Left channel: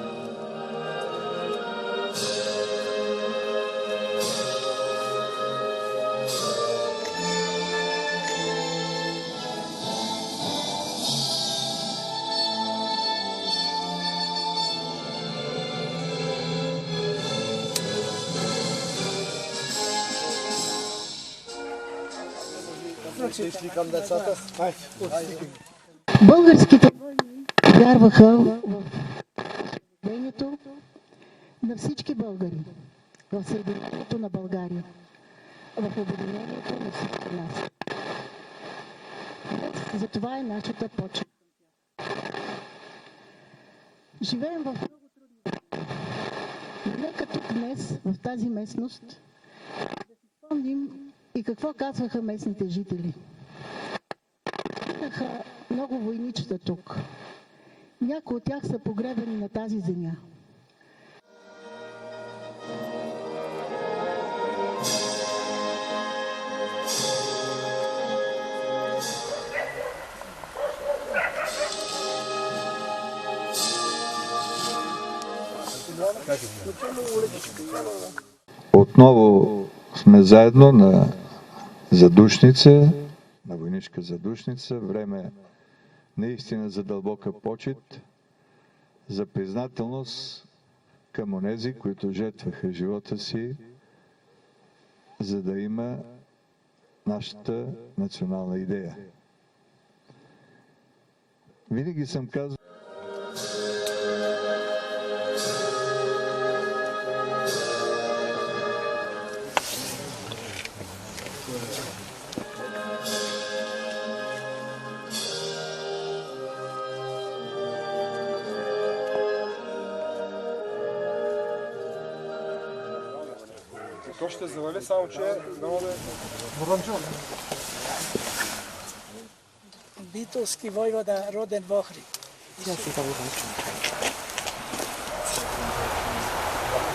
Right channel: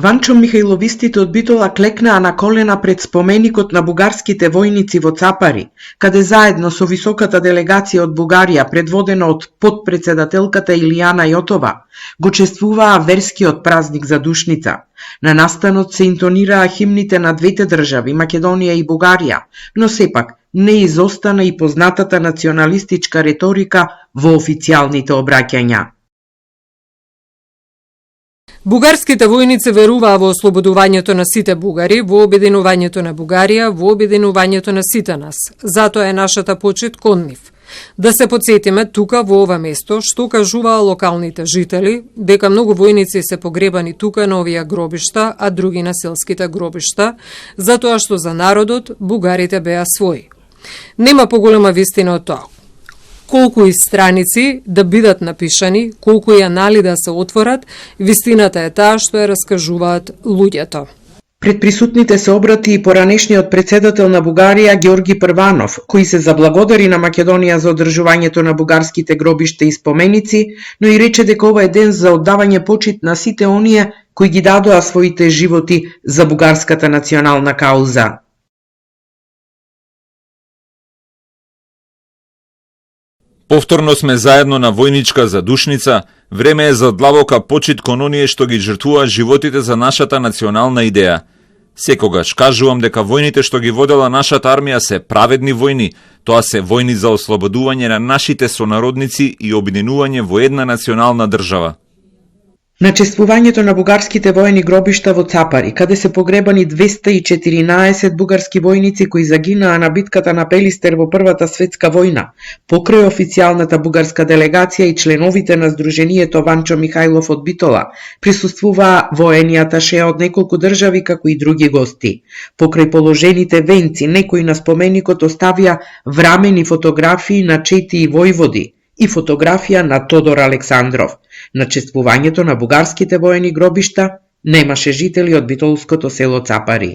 Ванчо Михајловистите од Битола клекнаа на колена пред споменикот на бугарските војници во Цапари, каде заедно со високата делегација од Бугарија, предводена од потпредседателката Илијана Јотова, го чествуваа верскиот празник за Душница. На настанот се интонираа химните на двете држави, Македонија и Бугарија, но сепак не изостана и познатата националистичка реторика во официјалните обраќања. Бугарските војници веруваа во ослободувањето на сите бугари, во обединувањето на Бугарија, во обединувањето на сите нас. Затоа е нашата почит кон нив. Да се потсетиме тука во ова место што кажуваа локалните жители, дека многу војници се погребани тука на овие гробишта, а други на селските гробишта, затоа што за народот бугарите беа своји. Нема поголема вистина од тоа. Колку и страници да бидат напишани, колку и анали да се отворат, вистината е таа што ја раскажуваат луѓето. Пред присутните се обрати и поранешниот председател на Бугарија Ѓорги Прванов, кој се заблагодари на Македонија за одржувањето на бугарските гробишта и споменици, но и рече дека ова е ден за оддавање почит на сите оние кои ги дадоа своите животи за бугарската национална кауза. Отново сме заедно на задушница. Повторно сме заедно на војничка задушница. Време е за длабока почит кон оние што ги жртвуваат животите за нашата национална идеја. Секогаш кажувам дека војните што ги водела нашата армија се праведни војни. Тоа се војни за ослободување на нашите сонародници и обединување во една национална држава. На чествувањето на бугарските воени гробишта во Цапари, каде се погребани 214 бугарски војници кои загинаа на битката на Пелистер во Првата светска војна, покрај официјалната бугарска делегација и членовите на Сдруженијето Ванчо Михајлов од Битола, присуствуваа воени аташеа од неколку држави како и други гости. Покрај положените венци, некои на споменикот оставија врамени фотографии на 4 војводи и фотографија на Тодор Александров. На чествувањето на бугарските воени гробишта немаше жители од битолското село Цапари.